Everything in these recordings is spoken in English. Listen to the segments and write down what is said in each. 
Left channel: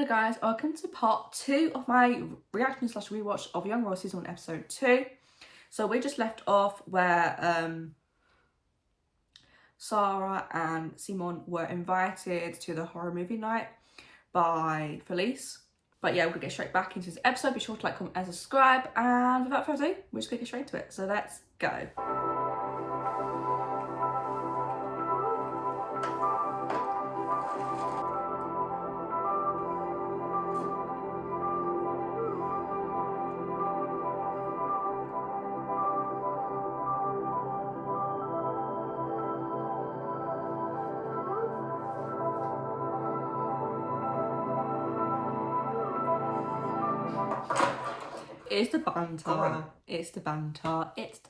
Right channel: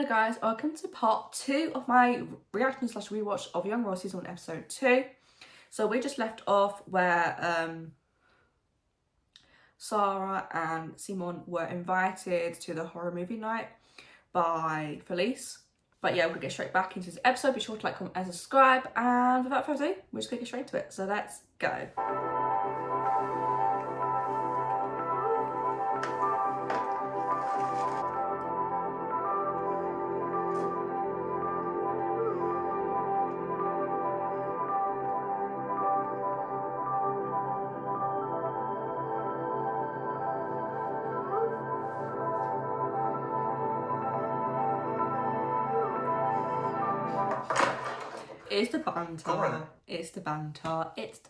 Hello guys, welcome to part 2 of my reaction slash rewatch of Young Royals season 1 episode 2. So we just left off where Sarah and Simon were invited to the horror movie night by Felice. But yeah, we're gonna get straight back into this episode. Be sure to like, comment and subscribe, and without further ado, we're just gonna get straight into it. So let's go. It's the banter. It's the banter. It's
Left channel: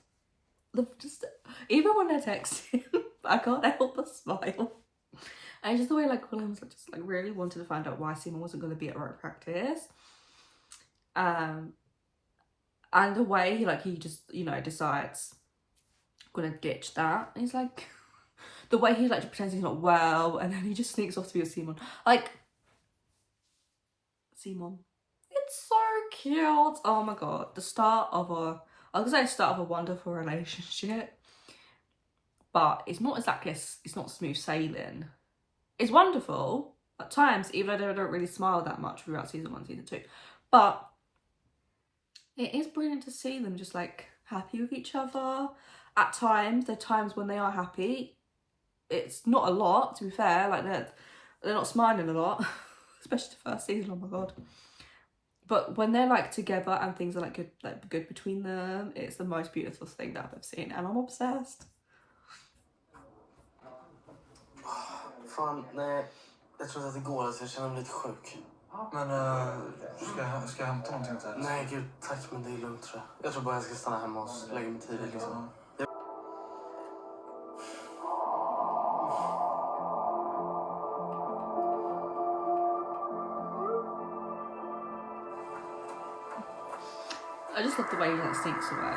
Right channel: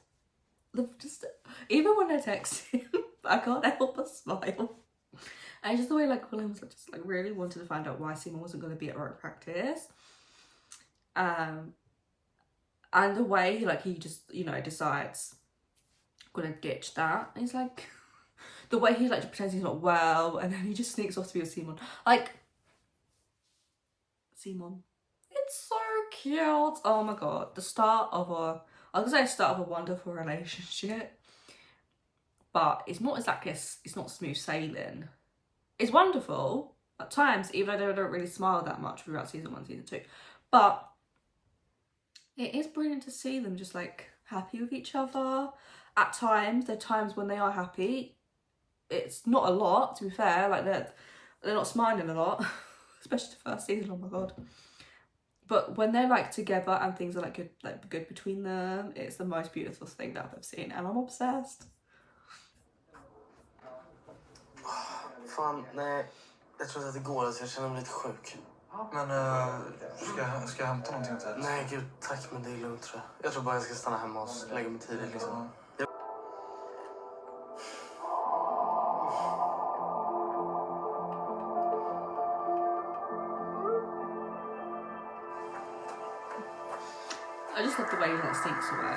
the just even when I text him, I can't help but smile. And just the way like William was just like really wanted to find out why Simon wasn't going to be at rope practice. And the way he just decides gonna ditch that. And he's like the way he like pretends he's not well, and then he just sneaks off to be with Simon. Like Simon. It's so cute. Oh my god. The start of a, I was gonna say start of a wonderful relationship, but it's not exactly, it's not smooth sailing. It's wonderful at times, even though they don't really smile that much throughout season 1, season 2. But it is brilliant to see them just like happy with each other. At times, there are times when they are happy. It's not a lot, to be fair. Like they're not smiling a lot, especially the first season. Oh my god. But when they're like together and things are like good between them, it's the most beautiful thing that I've ever seen, and I'm obsessed. Fan, nej. Jag tror att det går, alltså jag känner mig lite sjuk. Men ska jag hämta någonting till? Nej gud, tack, men det är lugnt tror jag. Jag tror bara jag ska stanna hemma och lägga mig tidigt liksom. I just love the way he like sneaks away.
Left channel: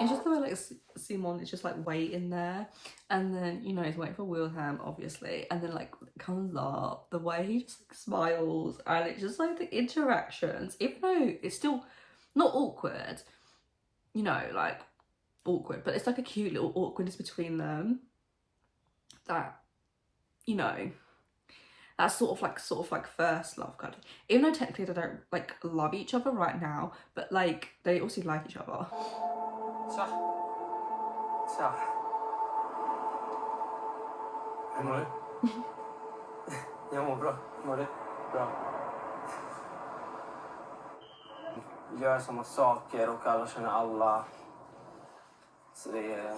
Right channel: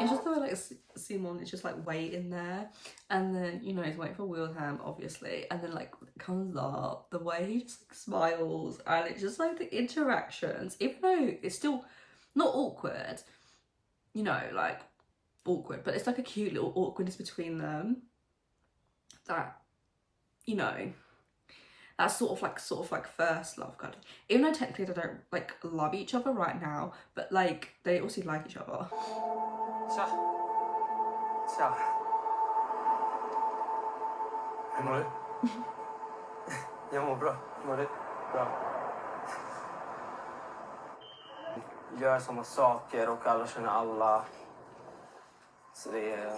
It's just the way like Simon is just like waiting there, and then he's waiting for Wilhelm obviously, and then like comes up, the way he just like smiles, and it's just like the interactions, even though it's still not awkward, like awkward, but it's like a cute little awkwardness between them that that's sort of like first love kind of, even though technically they don't like love each other right now, but like they also like each other. Tja. Tja. Hur mår du? Jag mår bra. Mår du? Bra. Gör samma saker och alla känner alla. Så det är...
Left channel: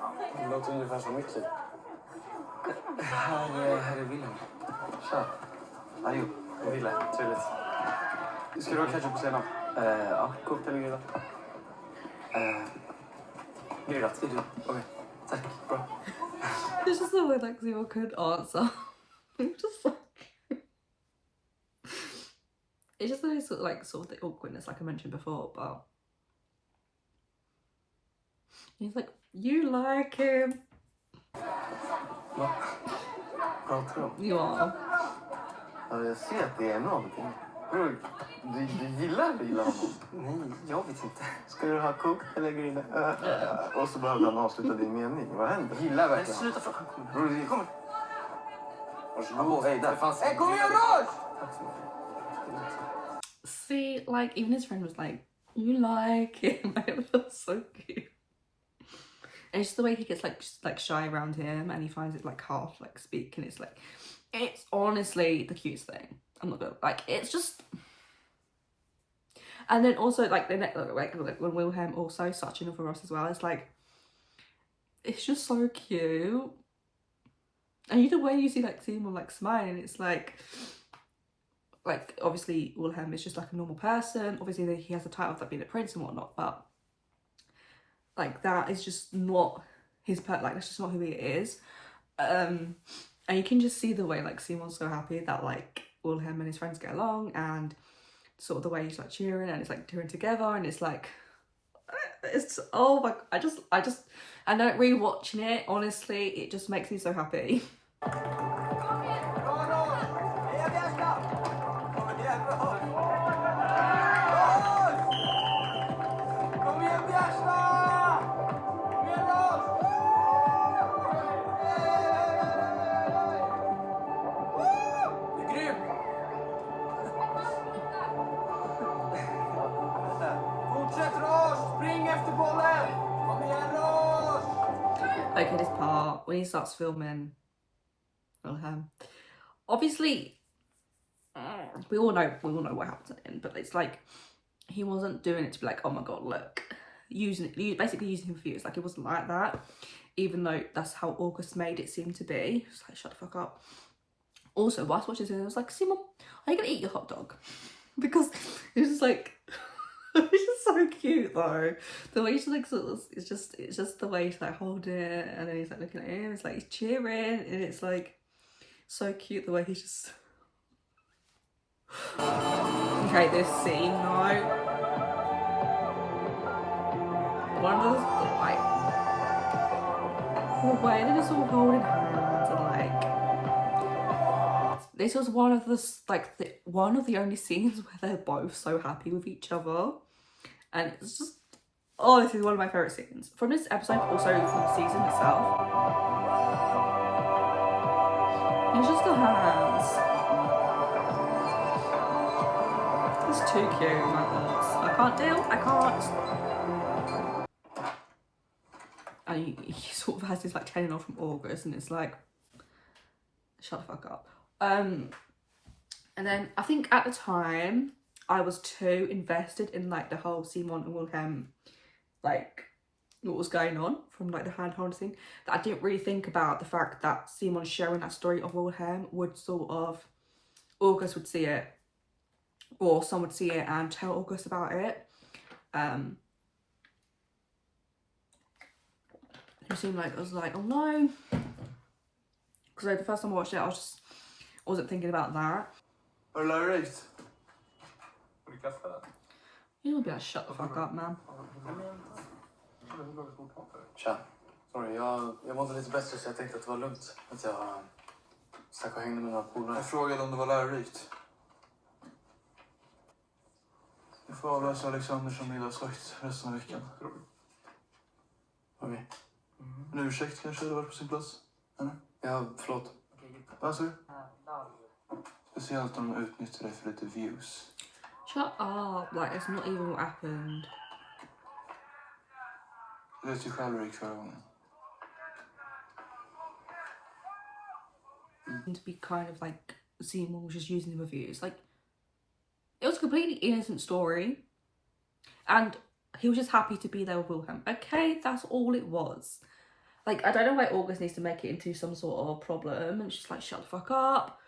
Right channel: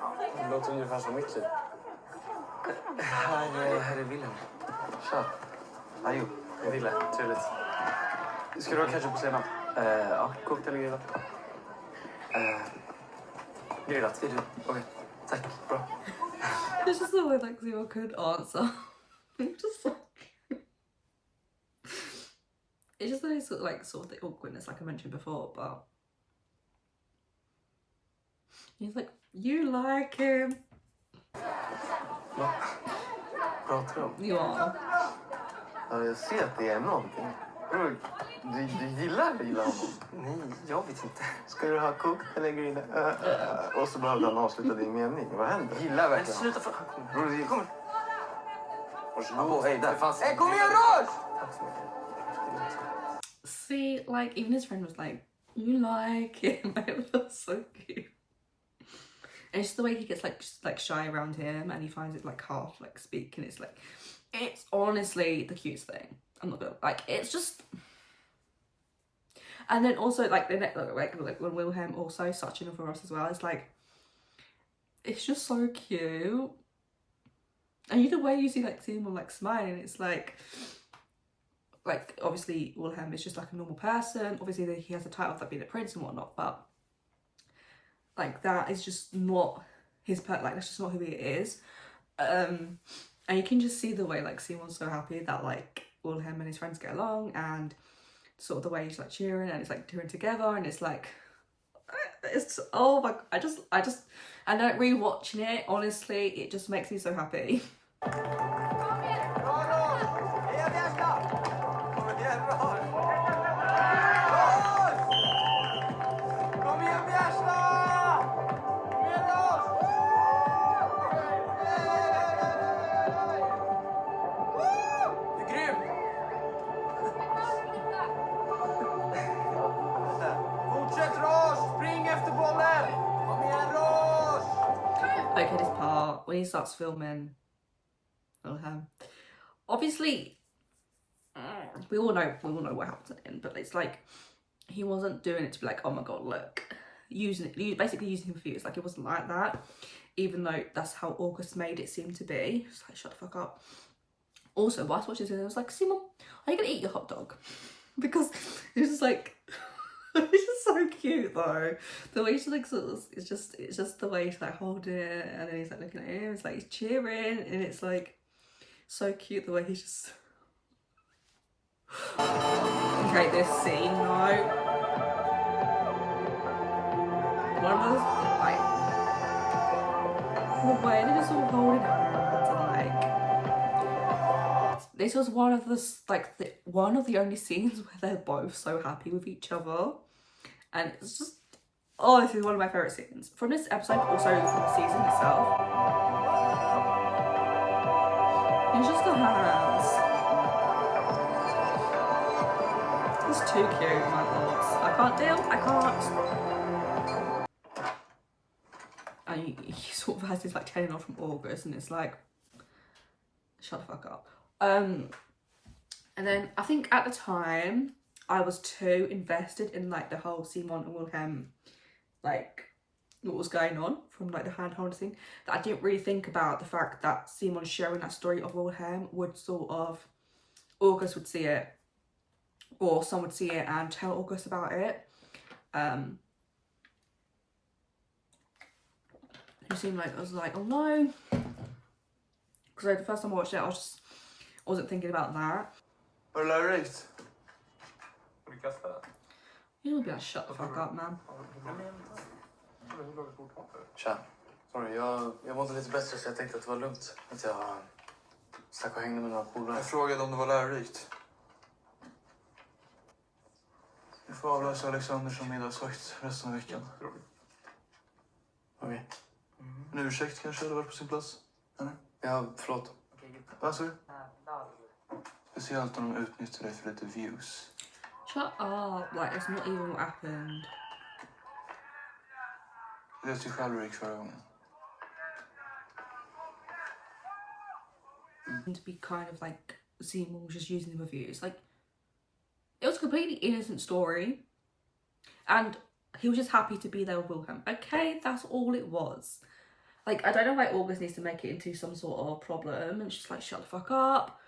Ja, det låter ungefär som mitt liv. Här är Wilhelm. Tja. Adjo. Jag Wille. Trevligt. Ska du ha ketchup på senap? Ja, kokt eller grillat? Grillat. Okej. Tack. Bra. It's just the way like Simon could answer. Just like it's just really sort of the awkwardness like I mentioned before, but he's like, you like him. Va? Pratar du om? You are. Ja, jag ser att det är någonting. Bror, du gillar honom? Nej, jag vet inte. Ska du ha kokt eller grillat? Och så behövde han avsluta din mening. Vad händer? Gillar verkligen. Sluta för... Bror, det kommer. Varsågod. Hej, där fanns... Hej, kom igen, Roj! Tack så mycket. See, like even his friend was like, you like him. It was so cute. And it's just the way he gets like shy around him, and he finds it like half like speak, and it's honestly the cutest thing. I'm not gonna like, it's just. And then also like the next like when Wilhelm also such enough for us as well, it's like it's just so cute. And the way you see like Simon like smiling, it's like obviously Wilhelm is just like a normal person. Obviously he has the title of like being a prince and whatnot, but like that is just not his like that's just not who he is. And you can just see the way like Simon's so happy that like Wilhelm and his friends get along, and sort of the way he's like cheering and it's like cheering together, and it's like it's oh my, I just And rewatching it, honestly, it just makes me so happy. Okay, this part when he starts filming. Obviously, we all know what happens at the end, but it's like he wasn't doing it to be like, oh my god, look, basically using him for views. Like, it wasn't like that, even though that's how August made it seem to be. It's like, shut the fuck up. Also, whilst watching this, I was like, Simon, are you gonna eat your hot dog? Because it was just like, it's just so cute though. The way she like it's just the way she like hold it, and then he's like looking at him. It's like he's cheering, and it's like so cute the way he's just. Okay, this scene though. One of those like the way they're just all holding hands and like. This was one of the one of the only scenes where they're both so happy with each other, and it's just, oh, this is one of my favorite scenes from this episode, also from the season itself. It's just the hands. It's too cute, my thoughts. I can't deal. I can't. And he sort of has this like telling off from August, and it's like, shut the fuck up. And then I think at the time I was too invested in like the whole Simon and Wilhelm, like what was going on from like the hand holding thing, that I didn't really think about the fact that Simon sharing that story of Wilhelm would sort of, August would see it, or someone would see it and tell August about it. It seemed like, I was like, oh no, because like, the first time I watched it, I wasn't thinking about that. Har du lärt? Har du kaffe? You'll be like, shut the fuck up, man. Tja. Sorry, jag mådde lite bättre så jag tänkte att det var lugnt. Att jag stack och hängde med några polare. Jag frågade om det var lärorikt. Du får avlösa Alexander som middagsvakt resten av veckan. Okej. En ursäkt kanske hade varit på sin plats? Eller? Ja, förlåt. Vad sa du? Speciellt om de utnyttjar dig för lite views. Shut up, like it's not even what happened. Det vet ju själv hur det gick förra gången. To be kind of like Simon was just using the reviews, like it was a completely innocent story, and he was just happy to be there with Wilhelm. Okay, that's all it was. Like, I don't know why August needs to make it into some sort of problem, and she's like, shut the fuck up.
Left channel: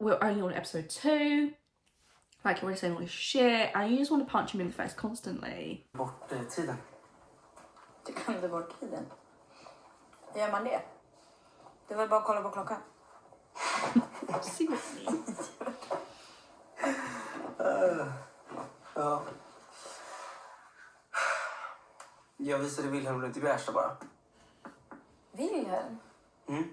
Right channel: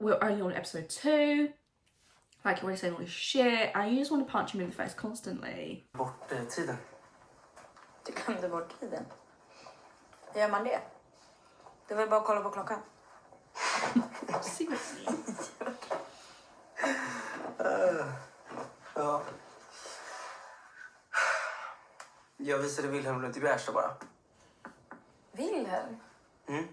We're only on episode 2. Like, you're already saying all this shit, and you just want to punch him in the face constantly. Bort tiden. Du glömde bort tiden. Gör man det? Det var bara att kolla på klockan. Seriously. Ja. Jag visade Wilhelm runt i Bjärsta bara. Wilhelm? Mm.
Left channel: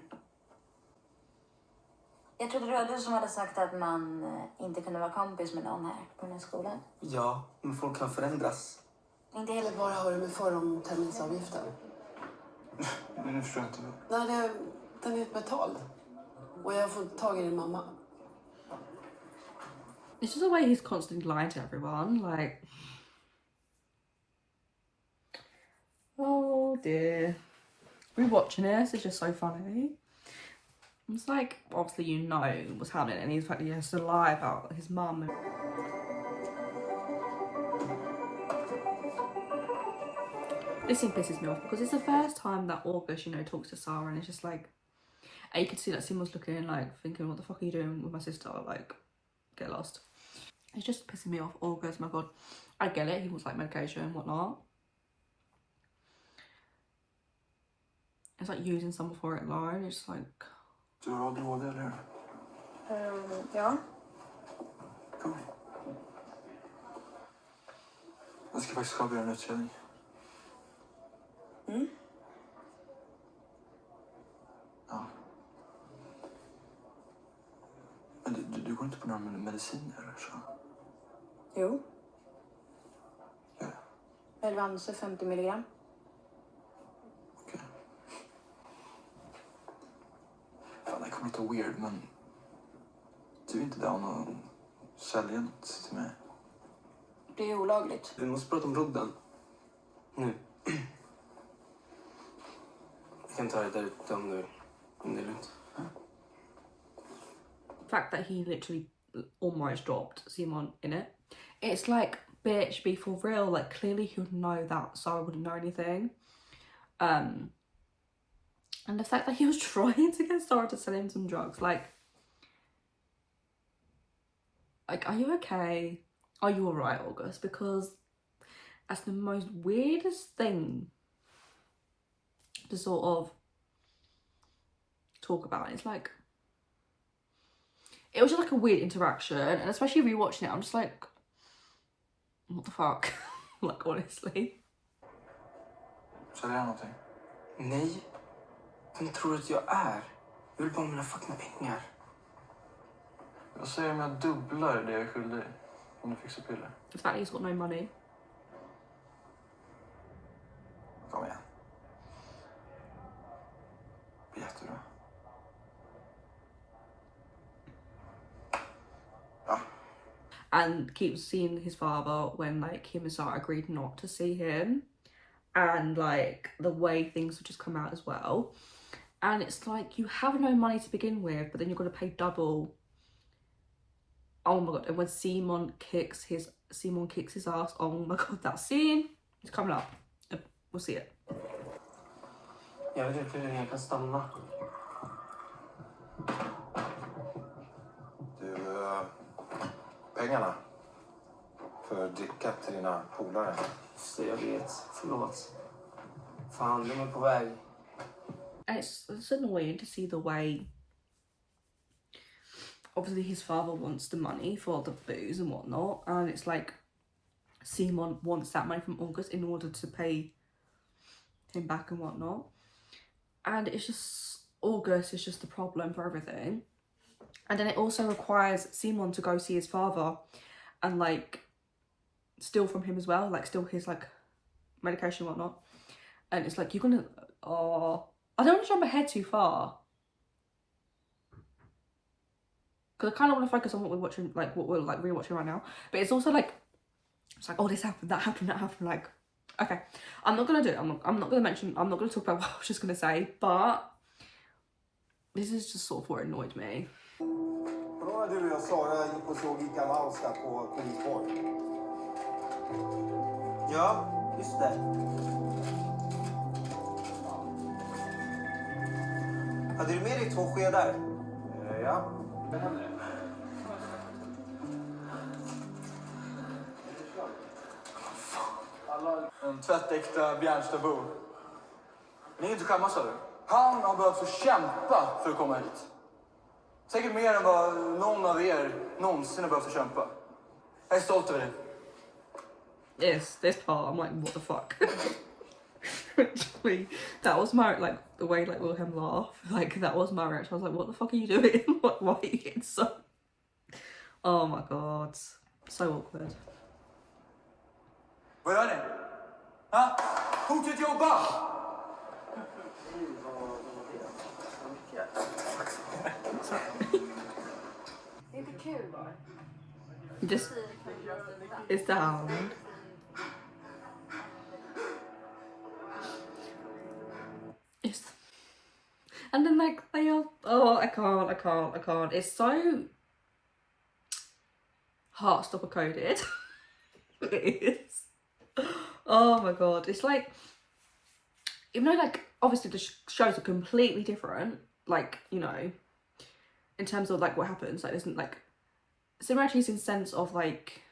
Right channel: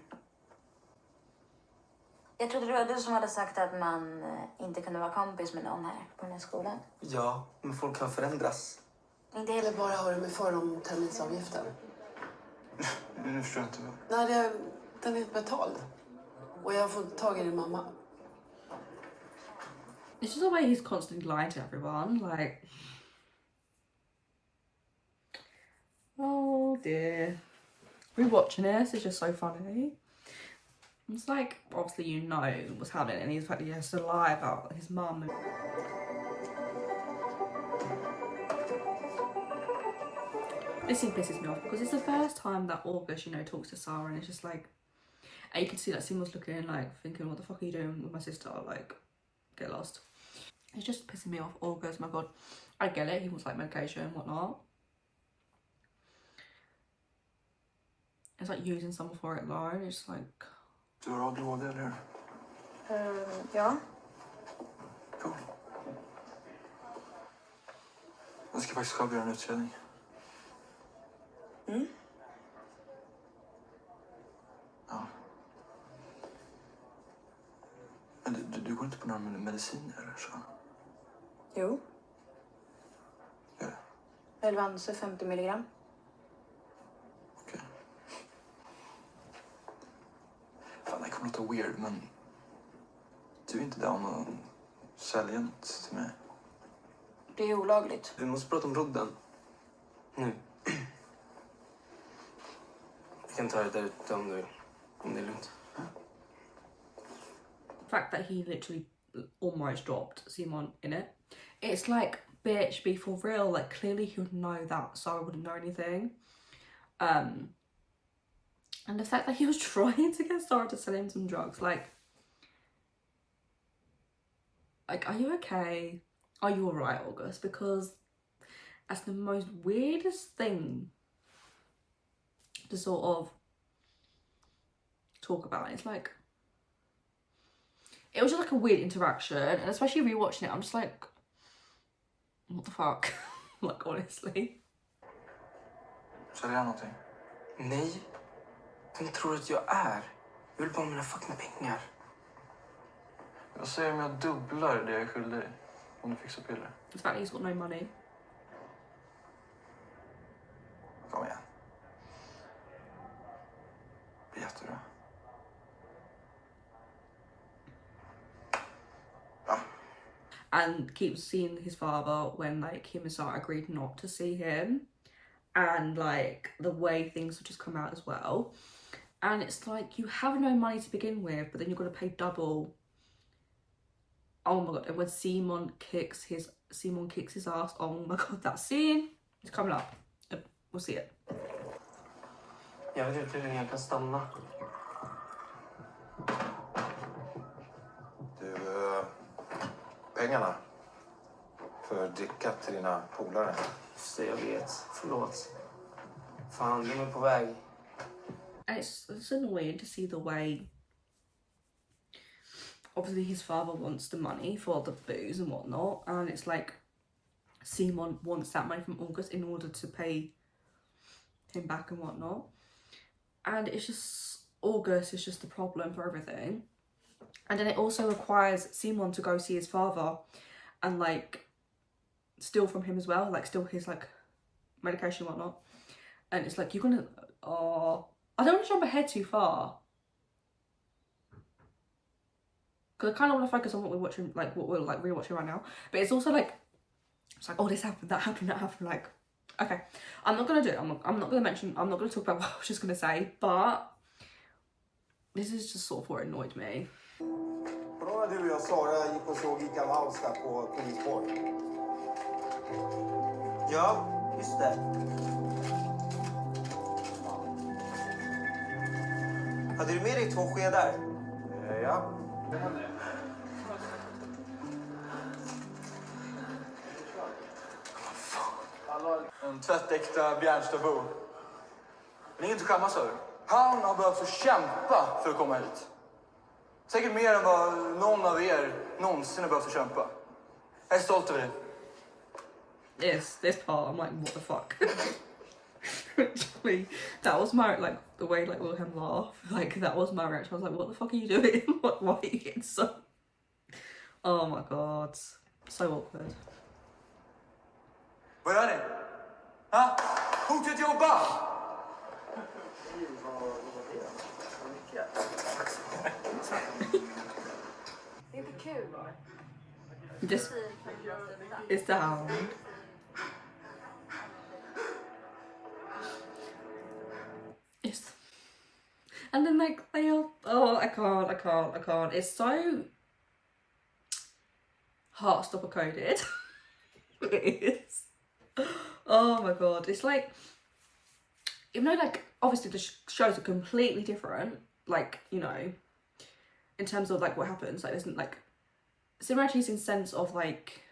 Jag trodde det var du som hade sagt att man inte kunde vara kompis med någon här på den här skolan. Ja, men folk kan förändras. Inte hela Vad har du med för om terminsavgiften? Nu förstår jag inte. Nej, den är betald. Och jag har fått tag i din mamma. It's just the way he's constantly lying to everyone, like... Oh dear. Rewatching this is just so funny. It's like, obviously you know what's happening, and he's like, he has to lie about his mum. This scene pisses me off because it's the first time that August, you know, talks to Sarah, and it's just like, and you can see that Simon's looking like thinking, what the fuck are you doing with my sister? Like, get lost. It's just pissing me off. August, my god, I get it, he wants like medication and whatnot. It's like using someone for it alone. It's like... Du har ADHD, eller hur? Ja. Cool. Jag ska faktiskt själv göra en utredning. Ja. Men du går inte på några mediciner eller så? Jo. Ja. Elvanse 50 milligram. Okej. Fan, det kommer låta weird, men du är inte down att sälja något till mig? Det är olagligt. Vi måste prata om rodden. Nu. Vi kan ta det där ute om det är lugnt. The fact that he literally almost dropped Simon in it. It's like, bitch, be for real. Like, clearly he would know that, so I wouldn't know anything. And the fact that he was trying to get Sarah to sell him some drugs, like, are you okay? Are you alright, August? Because that's the most weirdest thing to sort of talk about. It's like, it was just like a weird interaction, and especially rewatching it, I'm just like, what the fuck? Like, honestly. Säljer jag någonting? Nej. Vem tror du att jag är? Jag vill bara ha mina fucking pengar. Jag säger om jag dubblar det jag är skyldig om du fixar piller. The fact he's got no money. Kom igen. Det blir jättebra. And keeps seeing his father when, like, him and Sarah agreed not to see him, and like the way things have just come out as well. And it's like, you have no money to begin with, but then you're going to pay double. Oh my god. And when Simon kicks his ass, oh my god, that scene is coming up. We'll see it. Jag vet inte hur länge jag kan stanna. Du, pengarna för dricka till dina polare. Just det, jag vet. Förlåt. Fan, de är på väg. And it's annoying to see the way, obviously his father wants the money for the booze and whatnot, and it's like Simon wants that money from August in order to pay him back and whatnot, and it's just, August is just the problem for everything. And then it also requires Simon to go see his father and like steal from him as well, like steal his like medication and whatnot. And it's like, you're gonna, I don't want to jump ahead too far, because I kind of want to focus on what we're watching, like what we're like rewatching right now. But it's also like, it's like, oh, this happened, that happened, that happened. Like, okay, I'm not gonna do it. I'm not gonna mention. I'm not gonna talk about what I was just gonna say. But this is just sort of what annoyed me. Då när du och Sara gick och såg Ica Mouse där på Polisborg. Ja, just det. Hade du med dig 2 skedar? Ja. En tvättäkta Bjärnstabo. Det är inget att skämmas över. Han har behövt så kämpa för att komma hit. Säkert mer än vad någon av er någonsin har behövt kämpa. Jag är stolt över det. Yes, this part I'm like, what the fuck? Literally, that was my, like, the way like Wilhelm laughed, like that was my reaction. I was like, what the fuck are you doing? Why are you getting so, oh my god, so awkward. Vad gör ni? Ha? Hotet jobba! Det är inte kul. Just, it's down. It's, and then like they are, oh, I can't. It's so Heartstopper coded. It is. Oh my god, it's like, even though like obviously the shows are completely different, like, you know, in terms of like what happens, like there's like similarities in sense of like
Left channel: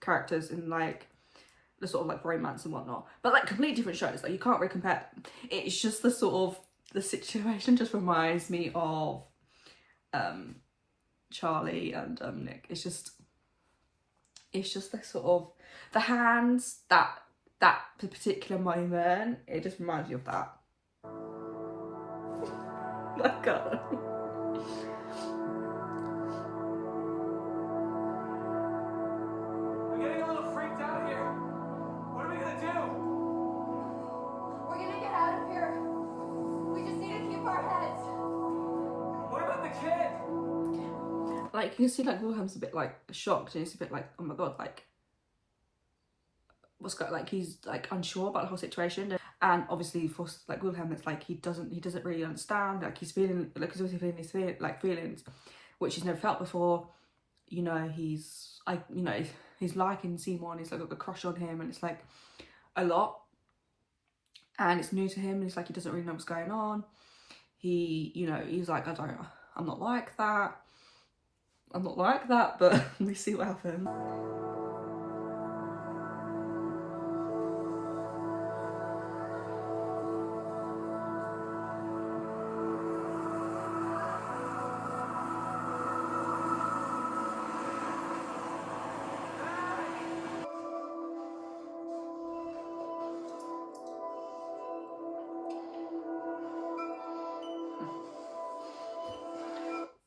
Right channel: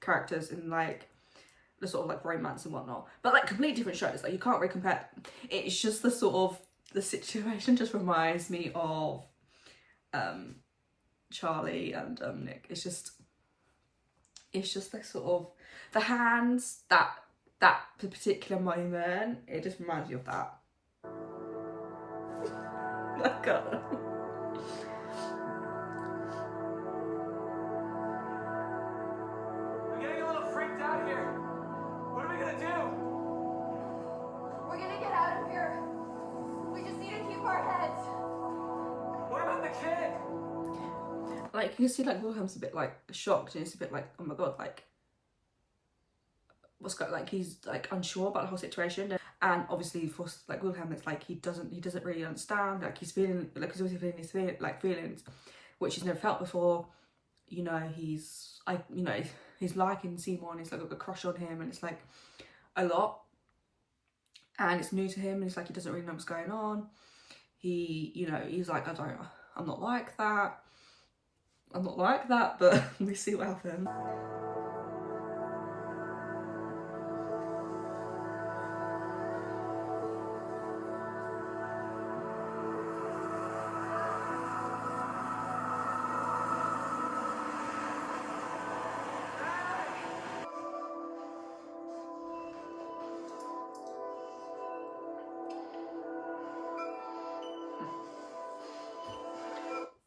characters and like the sort of like romance and whatnot, but like completely different shows, like you can't really compare. It's just the sort of, the situation just reminds me of Charlie and Nick. It's just the sort of the hands that that particular moment, it just reminds me of that. My God. I'm getting a little freaked out here. What are we gonna do? We're gonna get out of here. We just need to keep our heads. What about the kid? Like, you can see like Wilhelm's a bit like shocked, and it's a bit like, oh my God, like what's going, like he's like unsure about the whole situation. And obviously for like Wilhelm, it's like he doesn't really understand, like he's feeling, like he's always feeling his feelings which he's never felt before. You know, he's liking Simon, he's like got a crush on him, and it's like a lot, and it's new to him, and it's like he doesn't really know what's going on. He's like, I'm not like that, but we see what happens.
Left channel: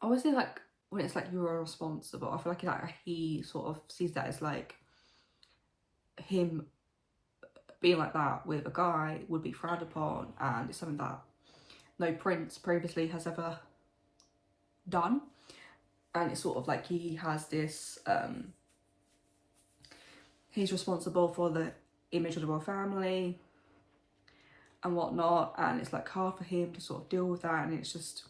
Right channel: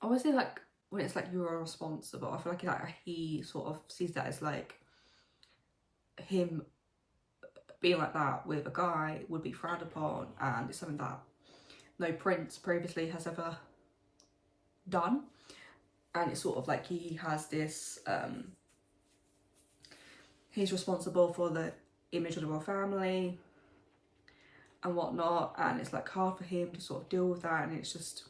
Obviously, like when it's like you're responsible, I feel like he sort of sees that as like him being like that with a guy would be frowned upon, and it's something that no prince previously has ever done. And it's sort of like he has this he's responsible for the image of the royal family and whatnot, and it's like hard for him to sort of deal with that. And it's just,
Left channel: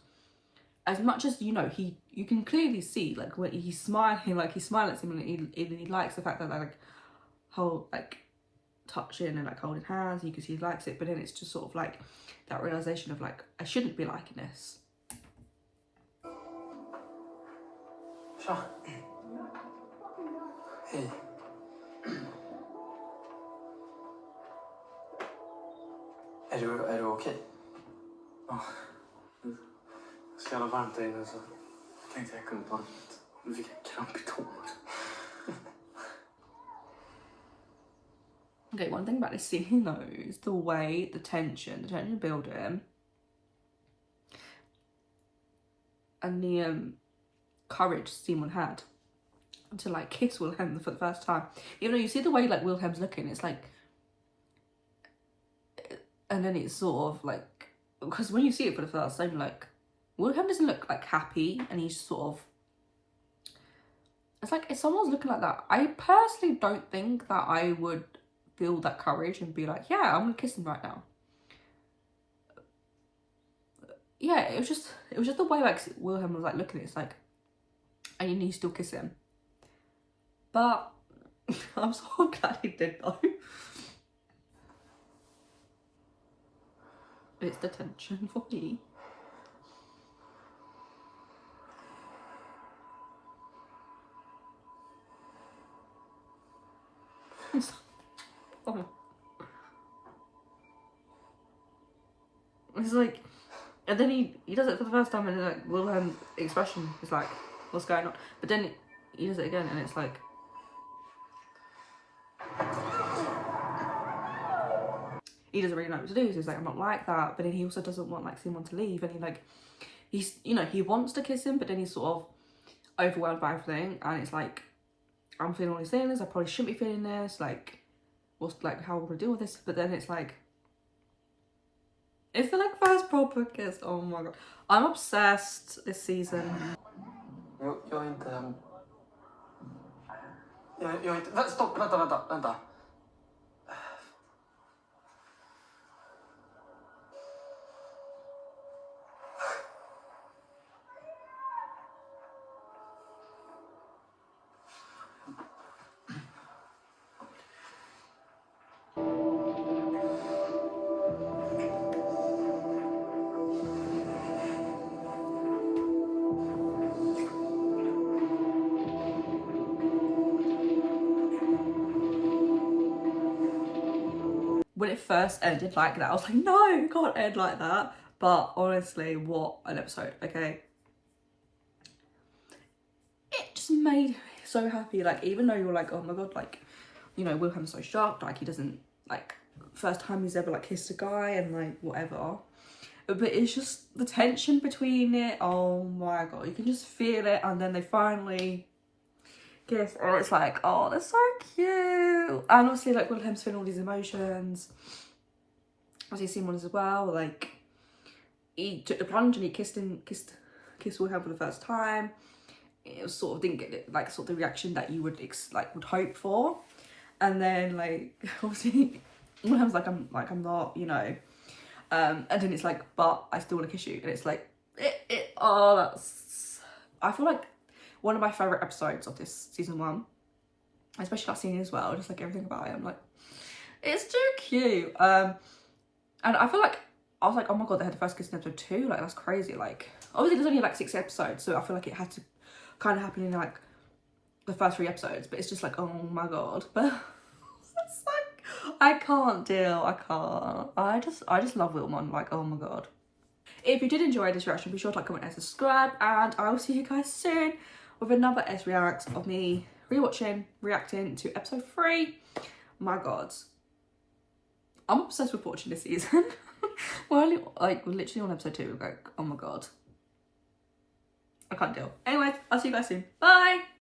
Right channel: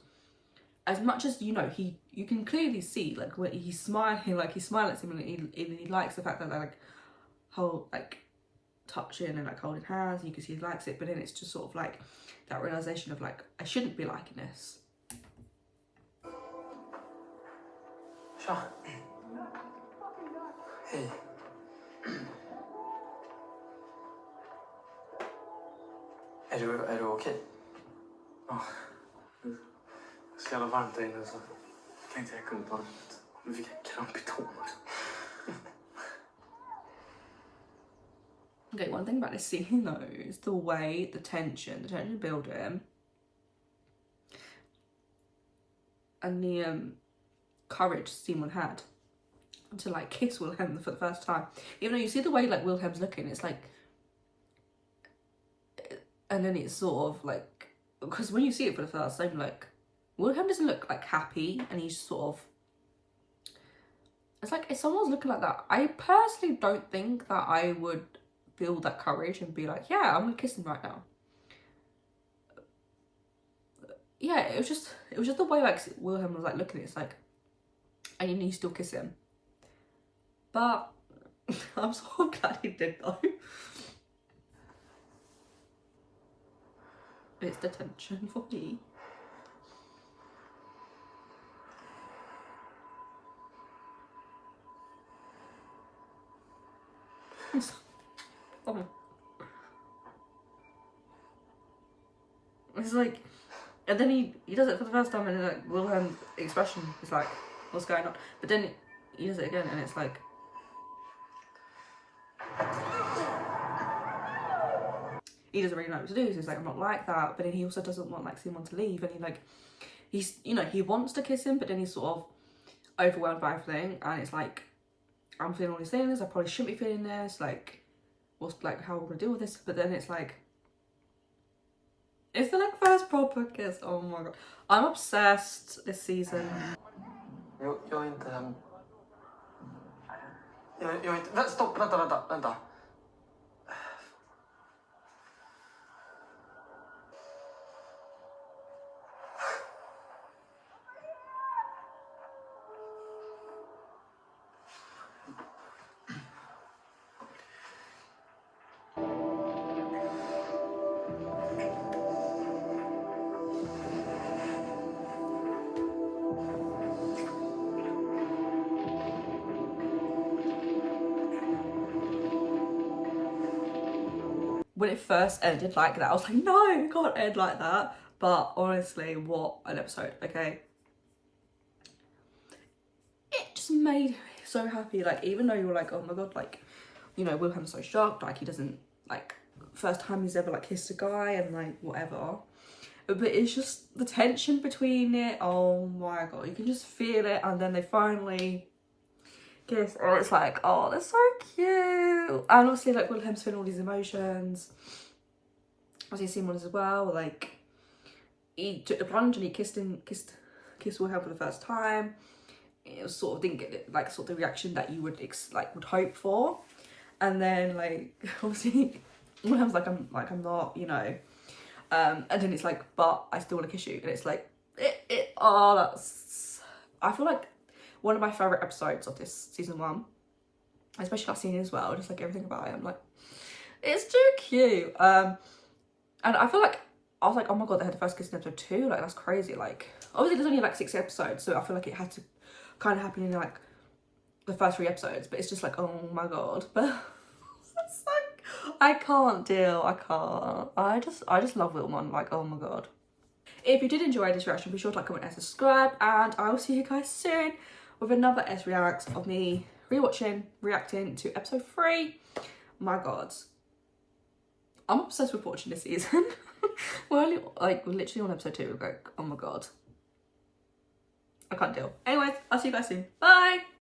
as much as, you know, you can clearly see like when he's smiling, like he's smiling at him, and he likes the fact that they like touching and like holding hands, you can see he likes it, but then it's just sort of like that realization of like, I shouldn't be liking this. Tja. Hej. Är du okej? Ja. Det är så jävla varmt där inne, så jag tänkte jag kunde ta det. Nu fick jag kramp i tån också. Okay, one thing about this scene though is the way, the tension building, and the courage Simon had to like kiss Wilhelm for the first time. Even though you see the way like Wilhelm's looking, it's like, and then it's sort of like, because when you see it for the first time, like Wilhelm doesn't look like happy, and he's sort of, it's like if someone's looking like that, I personally don't think that I would feel that courage and be like, yeah, I'm gonna kiss him right now. Yeah, it was just the way like Wilhelm was like looking at it. It's like, and you need to still kiss him. But I'm so glad he did though. It's the tension for me. Oh. It's like, and then he does it for the first time, and like Wilhelm's expression is like, what's going on? But then he does it again, and it's like, he doesn't really know what to do. So he's like, I'm not like that. But then he also doesn't want like Simon to leave, and he's you know, he wants to kiss him, but then he's sort of overwhelmed by everything, and it's like, I'm feeling all these feelings, I probably shouldn't be feeling this, like, what's like, how am I gonna deal with this? But then it's like, it's the like first proper kiss. Oh my god, I'm obsessed this season. Jag är inte... Jag är inte... Stopp, vänta. When it first ended like that, I was like, no, it can't end like that. But honestly, what an episode, okay? It just made me so happy. Like, even though you're like, oh my god, like, you know, Wilhelm's so shocked, like he doesn't like first time he's ever like kissed a guy and like whatever. But it's just the tension between it. Oh my god, you can just feel it. And then they finally kiss, and it's like, oh, they're so cute. And obviously, like, Wilhelm's feeling all these emotions. Obviously, Simon as well. Like, he took the plunge and he kissed Wilhelm for the first time. It was sort of didn't get like sort of the reaction that you would would hope for. And then like obviously Wilhelm's like I'm not, you know. And then it's like, but I still want to kiss you. And it's like, oh, that's, I feel like one of my favourite episodes of this season 1. Especially that scene as well, just like everything about it. I'm like, it's too cute. And I feel like, I was like, oh my god, they had the first kiss in episode 2. Like, that's crazy. Like, obviously there's only like 6 episodes, so I feel like it had to kind of happen in like the first 3 episodes. But it's just like, oh my god. But it's like, I can't deal. I can't. I just love Wilmon. Like, oh my god. If you did enjoy this reaction, be sure to like, comment, and subscribe. And I will see you guys soon with another S Reacts of me reacting to episode 3. My god. I'm obsessed with watching this season. We're only like literally on episode 2. We're like, oh my god. I can't deal. Anyways, I'll see you guys soon. Bye!